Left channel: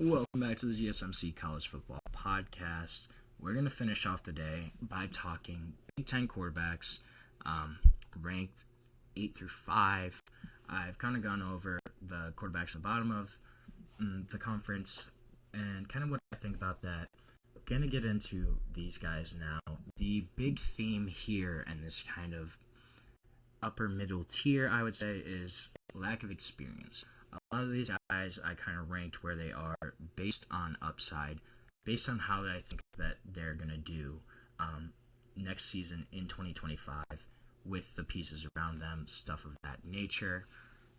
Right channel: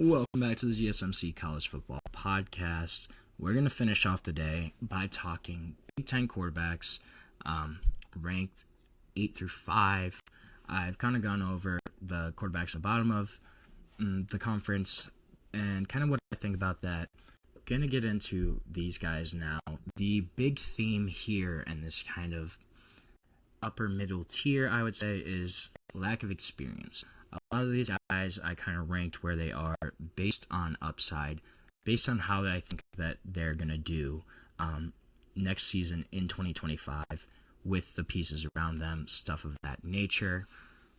Welcome back to the GSMC College Football Podcast. We're going to finish off the day by talking Big Ten quarterbacks, ranked 8 through 5. I've kind of gone over the quarterbacks at the bottom of the conference and kind of what I think about that. Going to get into these guys now. The big theme here and this kind of upper middle tier, I would say, is lack of experience. A lot of these guys I kind of ranked where they are based on upside, based on how I think that they're going to do next season in 2025 with the pieces around them, stuff of that nature.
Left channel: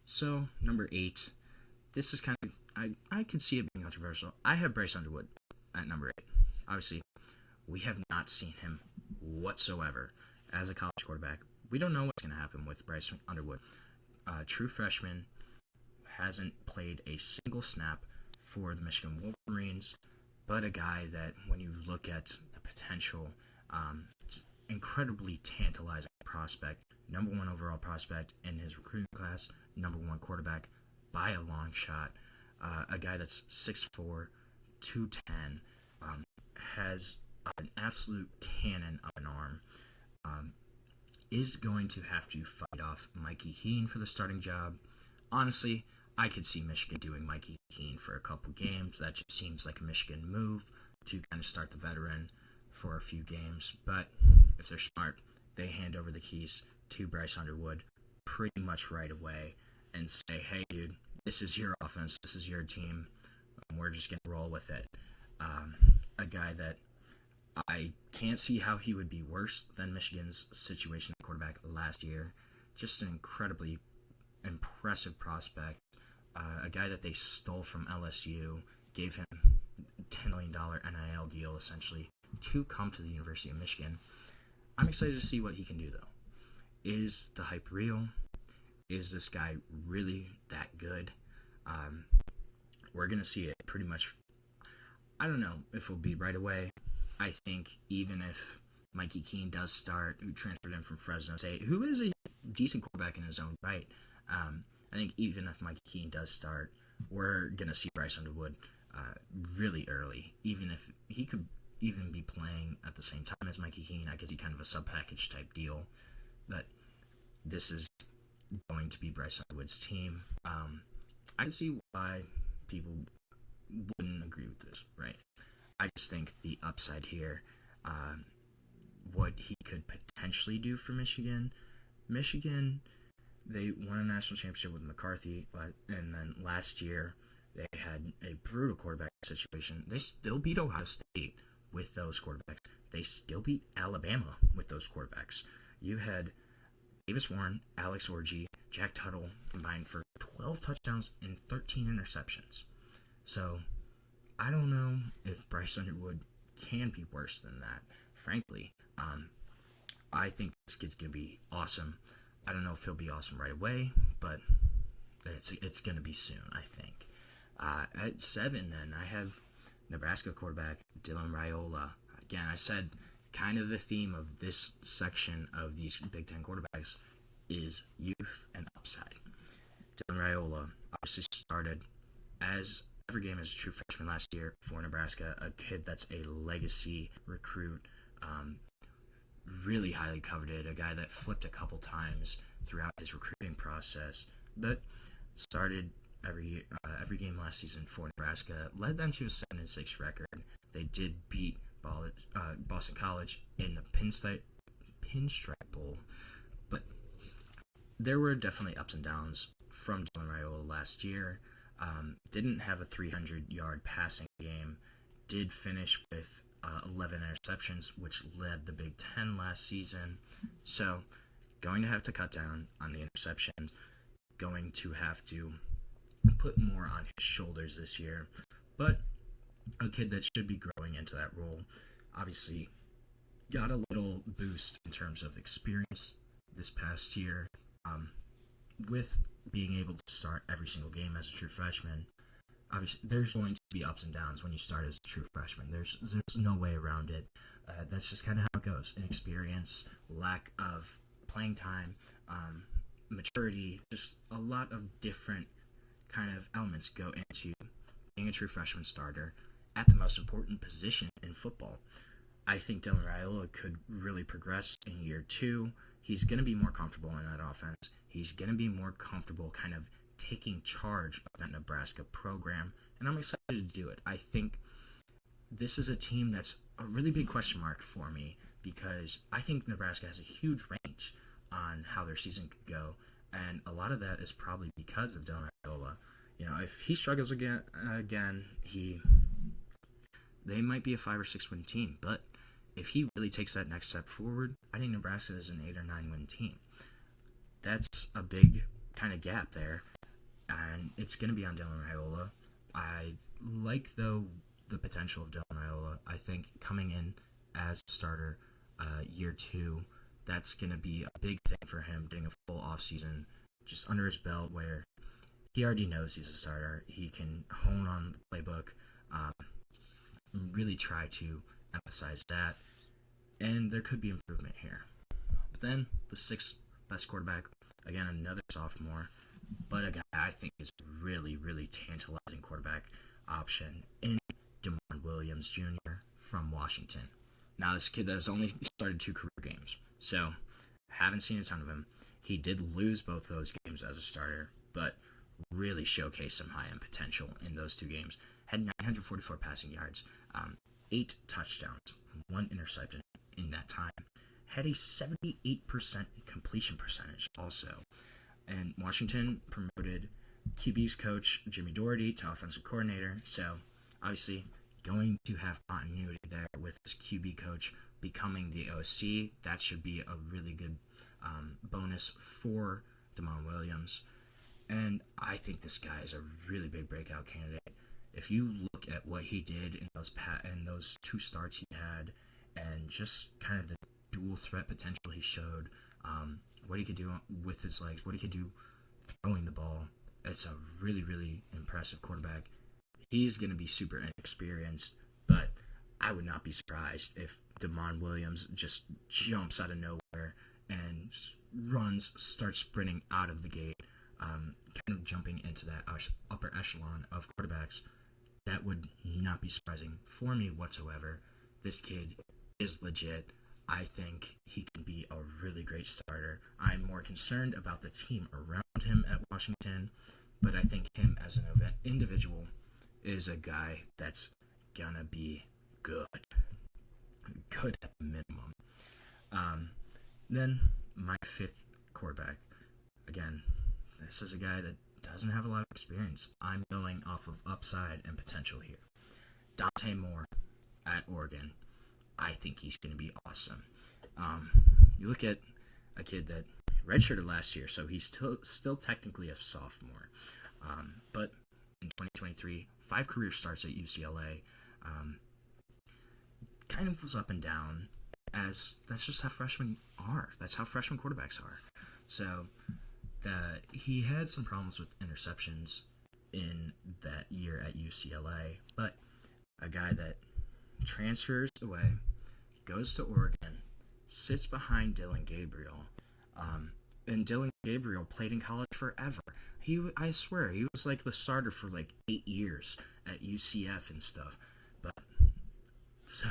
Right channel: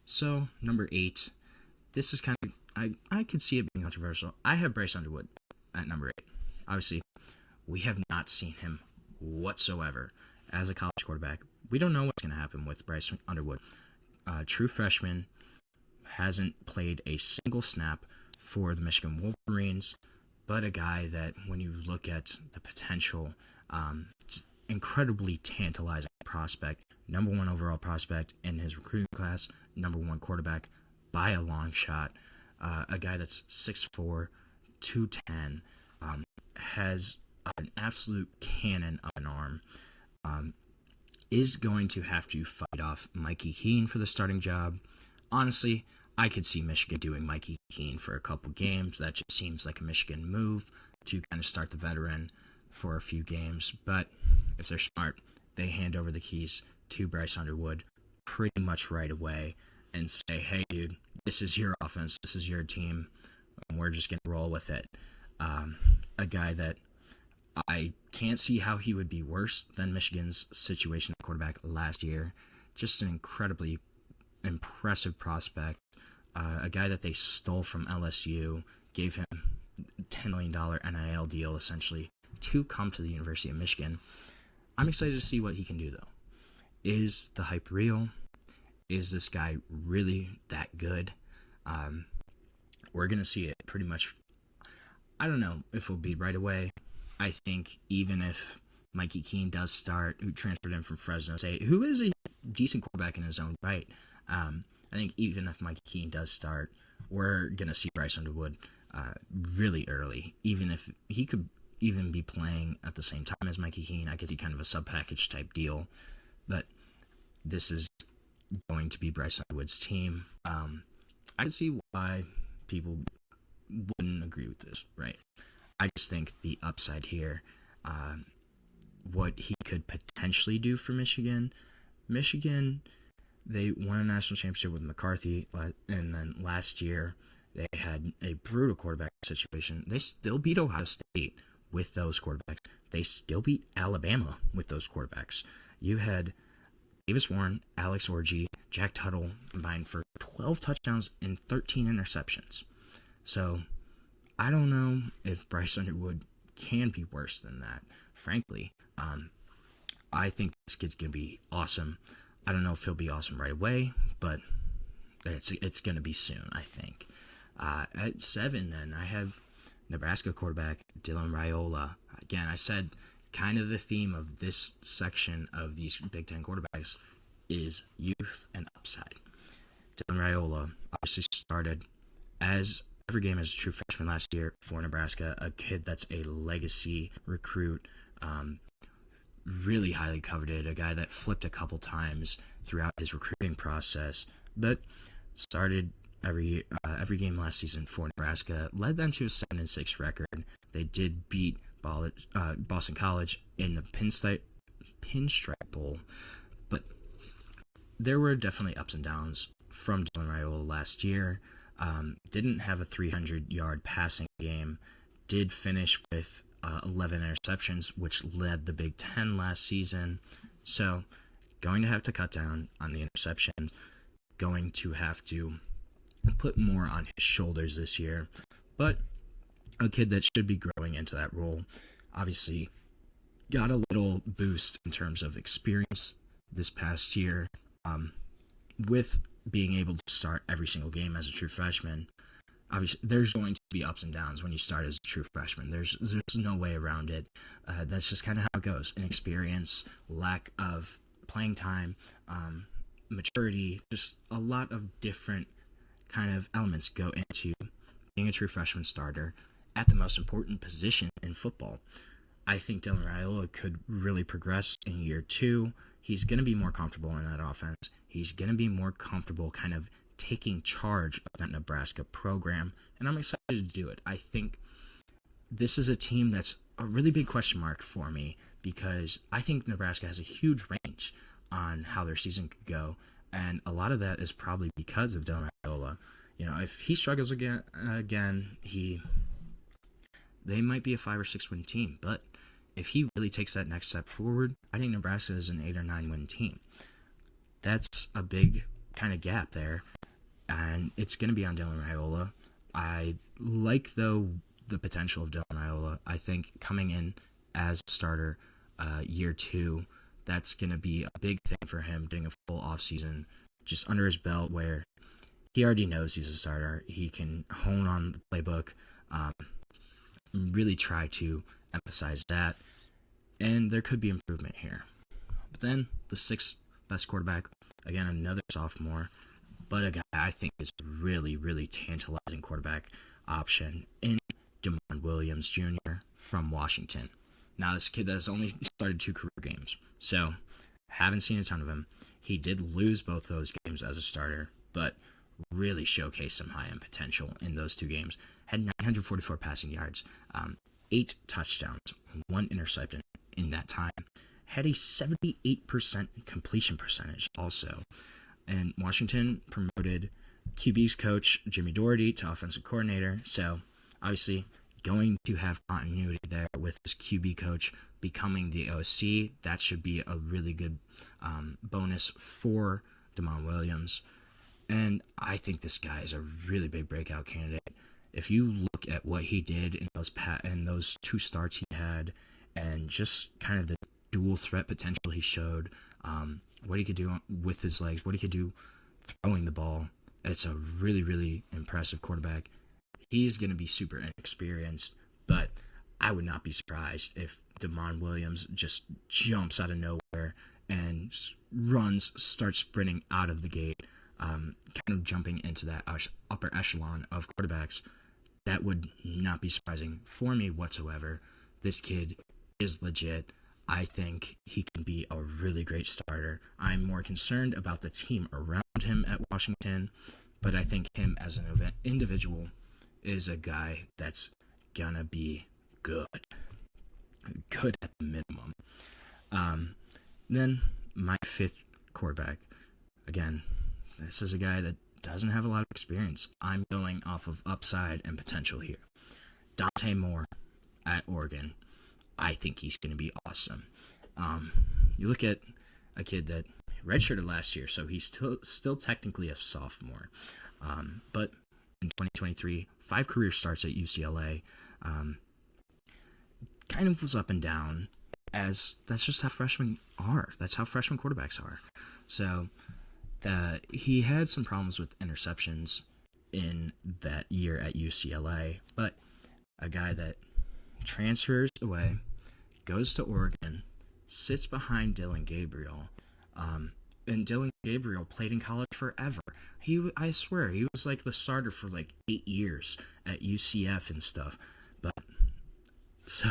So, number 8, this is kind of, I could see it being controversial. I have Bryce Underwood at number 8. Obviously, we have not seen him whatsoever as a college quarterback. We don't know what's going to happen with Bryce Underwood. True freshman, hasn't played a single snap for the Michigan Wolverines, but a guy that when you look at the potential, incredibly tantalizing prospect, number 1 overall prospect in his recruiting class, number 1 quarterback by a long shot, a guy that's 6'4", 210, has an absolute cannon of an arm, is going to have to fight off Mikey Keene for the starting job. Honestly, I could see Michigan doing Mikey Keene for a couple games. That just seems like a Michigan move to kind of start the veteran for a few games. But if they're smart, they hand over the keys to Bryce Underwood pretty much right away and say, hey, dude, this is your offense. This is your team. And we're just going to roll with it. A guy that I can't see how he would be worse than Michigan's situation at quarterback last year. Just an incredibly impressive prospect. A guy that they stole from LSU, gave him a $10 million NIL deal, essentially, to come to the University of Michigan. I'm excited to see what he can do, though. Is the hype real? Is this guy really that good? We're going to see it pretty much. I don't know if it'll be right away. I think even if Mikey Keene does start, who transferred in from Fresno State, who is a decent quarterback in his own right, I think even if Mikey Keene does start, we're going to see Bryce Underwood really early. Even if he could even be playing at the same time as Mikey Keene, I could see kind of a sub-package type deal. But this is going to be Bryce Underwood's team. I can see why people wouldn't agree with this, right? I just think the upside here, what he could potentially do for Michigan, they won a national championship with McCarthy, and then last year they had a brutal quarterback situation. They still beat Ohio State with those quarterbacks. They still beat Alabama with those quarterbacks. You had Davis Warren, Alex Orji, Jack Tuttle combined for 12 touchdowns and 13 interceptions. So I don't know if Bryce Underwood can be worse than that, frankly. I think this kid's going to be awesome. I don't know if he'll be awesome right away, but it's going to be soon, I think. At 7, then, I have Nebraska quarterback Dylan Raiola. Again, I said kind of the theme of this section of these Big Ten quarterbacks is youth and upside. Dylan Raiola obviously started every game as a true freshman last year for Nebraska, a kid that's a legacy recruit, really highly coveted, a guy that flipped a couple times throughout his recruiting process, but started every game last season for Nebraska, led them to a 7-6 record. They did beat Boston College in the Pinstripe Bowl, but there were definitely ups and downs from Dylan Raiola last year. Didn't have a 300-yard passing game, did finish with 11 interceptions, which led the Big Ten last season. So, going to have to cut down on the interceptions, going to have to put more on his shoulders this year. But a kid that should be growing into that role. Obviously, got a little boost in terms of experience this past year with being able to start every single game as a true freshman. Obviously, there's going to be ups and downs when you start as a true freshman. There's no way around it. That's just kind of how it goes. Inexperience, lack of playing time, maturity, just a lot of different kind of elements go into being a true freshman starter at the most important position in football. I think Dylan Raiola could really progress in year 2. He's going to be more comfortable in that offense. He's going to be more comfortable kind of taking charge of that Nebraska program, and I'm excited to do it. I think this is a team that's a really big question mark for me because I think Nebraska has a huge range on how their season could go, and a lot of that is probably because of Dylan Raiola. If he struggles again, they might be a 5 or 6 win team, but if he really takes that next step forward, I think Nebraska is an 8 or 9 win team. That's a big kind of gap there, and it's going to be on Dylan Raiola. I like, though, the potential of Dylan Raiola. I think coming in as a starter year 2, that's going to be a big thing for him, getting a full offseason just under his belt where he already knows he's a starter. He can hone on the playbook, really try to emphasize that, and there could be improvement here. But then the 6th best quarterback, again, another sophomore, but a guy I think is really, really tantalizing quarterback option in Damon Williams Jr. from Washington. Now, this kid has only started 2 career games, so haven't seen a ton of him. He did lose both those games as a starter, but really showcased some high-end potential in those 2 games. Had 944 passing yards, 8 touchdowns, 1 interception in that time. Had a 78% completion percentage also. And Washington promoted QB's coach Jimmy Doherty to offensive coordinator, so obviously going to have continuity there with his QB coach becoming the OC. That should be a really good bonus for Damon Williams. And I think this guy is a really big breakout candidate. If you look at what he did in those 2 starts he had, and just kind of the dual threat potential he showed, what he could do with his legs, what he could do throwing the ball, it's a really, really impressive quarterback. He's going to be super inexperienced, but I would not be surprised if Damon Williams just jumps out of nowhere and starts sprinting out of the gate, kind of jumping into that upper echelon of quarterbacks. That would not be surprising for me whatsoever. This kid is legit. I think he can be a really great starter. I'm more concerned about the team around him at Washington, but I think him as an individual is a guy that's gonna be good at the minimum. Then my 5th quarterback, again, this is a guy that doesn't have a lot of experience. I'm going off of upside and potential here. Dante Moore at Oregon. I think he's going to be awesome. You look at a kid that redshirted last year, so he's still technically a sophomore. But in 2023, 5 career starts at UCLA. Kind of was up and down, as that's just how freshmen are. That's how freshman quarterbacks are. So he had some problems with interceptions in that year at UCLA, but a guy that transfers away, goes to Oregon, sits behind Dylan Gabriel, and Dylan Gabriel played in college forever. I swear, he was like the starter for like 8 years at UCF and stuff. But so,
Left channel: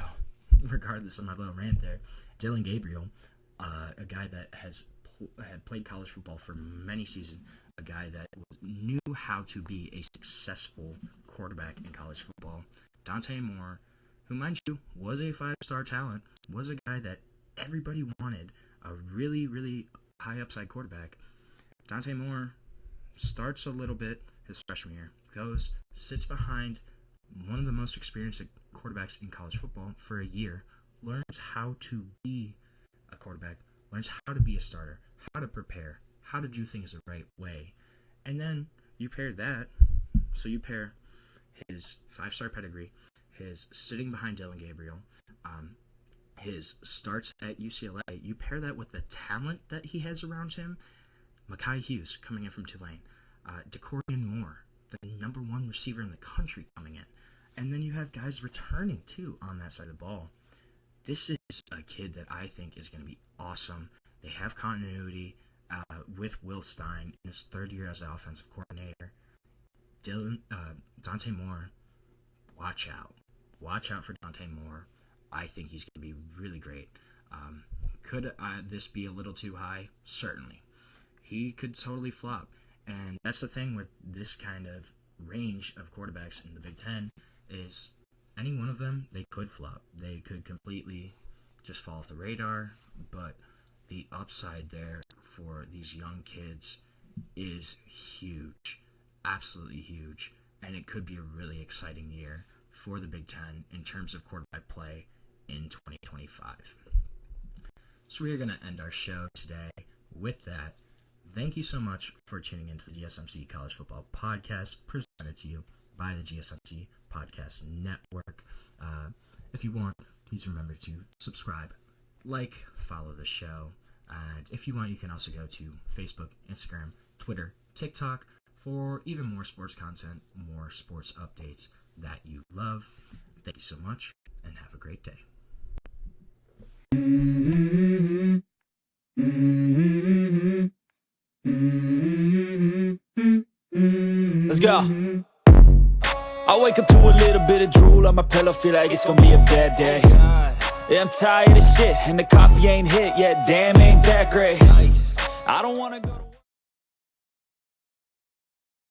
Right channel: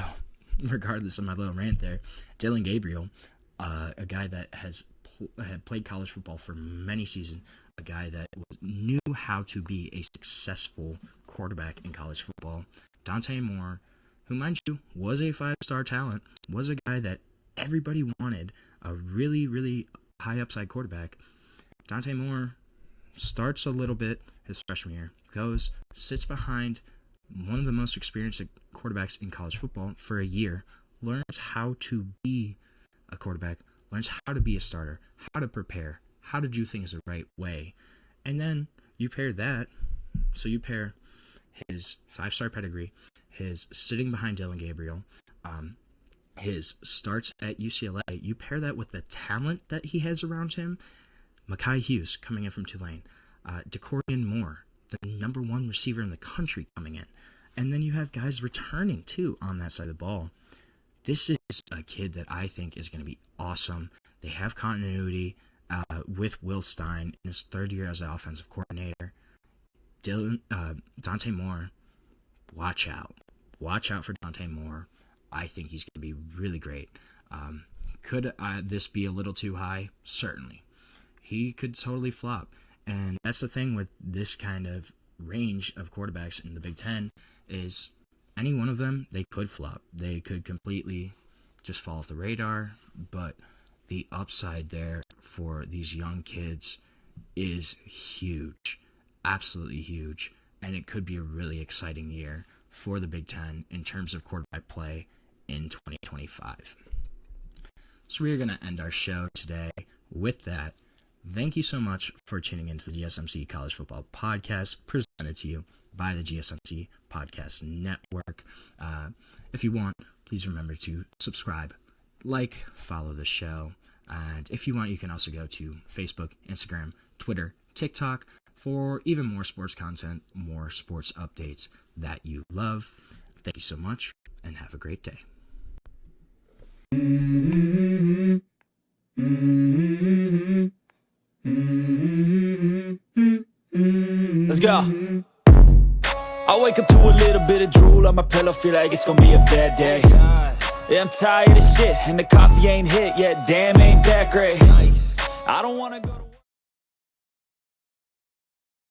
regardless of my little rant there, Dylan Gabriel, a guy that had played college football for many seasons, a guy that knew how to be a successful quarterback in college football. Dante Moore, who, mind you, was a 5-star talent, was a guy that everybody wanted, a really, really high upside quarterback. Dante Moore starts a little bit his freshman year, sits behind one of the most experienced quarterbacks in college football for a year, learns how to be a quarterback, learns how to be a starter, how to prepare, how to do things the right way. And then you pair his 5-star pedigree, his sitting behind Dylan Gabriel, his starts at UCLA, you pair that with the talent that he has around him, Mekhi Hughes coming in from Tulane, DeCorian Moore, the number 1 receiver in the country coming in, and then you have guys returning too on that side of the ball. This is a kid that I think is going to be awesome. They have continuity with Will Stein in his 3rd year as an offensive coordinator. Dante Moore watch out. Watch out for Dante Moore. I think he's going to be really great. Could this be a little too high? Certainly. He could totally flop. And that's the thing with this kind of range of quarterbacks in the Big Ten is any one of them, they could flop. They could completely just fall off the radar. But the upside there for these young kids is huge. Absolutely huge. And it could be a really exciting year for the Big Ten in terms of quarterback play in 2025. So we are going to end our show today with that. Thank you so much for tuning into the GSMC College Football Podcast, presented to you by the GSMC Podcast Network. If you want, please remember to subscribe, follow the show. And if you want, you can also go to Facebook, Instagram, Twitter, TikTok for even more sports content, more sports updates that you love. Thank you so much, and have a great day. Let's go. I wake up to a little bit of drool on my pillow, feel like it's gonna be a bad day. Yeah, I'm tired of shit, and the coffee ain't hit yet, damn, ain't that great. I don't wanna go to